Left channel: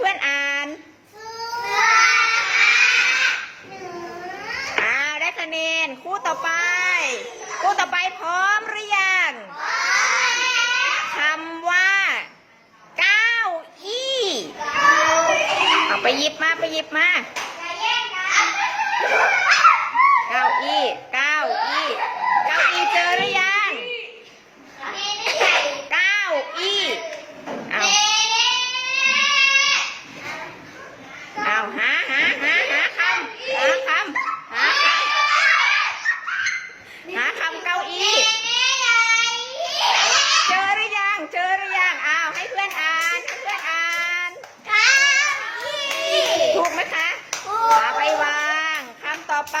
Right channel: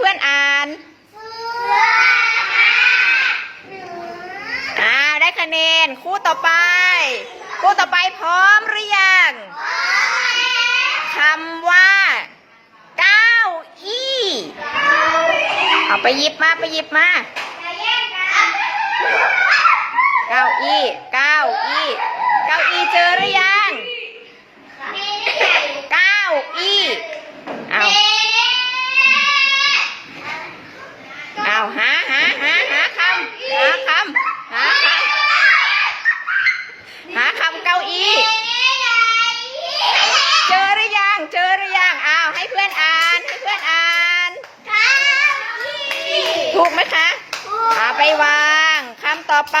เพื่อนอ่านได้คะแนนคู่ต่อไปพร้อมหรือยังคำว่าเก้าอี้เอาไปหยิบมาเก้าอี้เจอหรือยังเก้าอี้เอาหาคำเก้าอี้เจอหรือยังเอาให้เพื่อนอ่านถูกไหมคะเอาไปวางคำต่อไป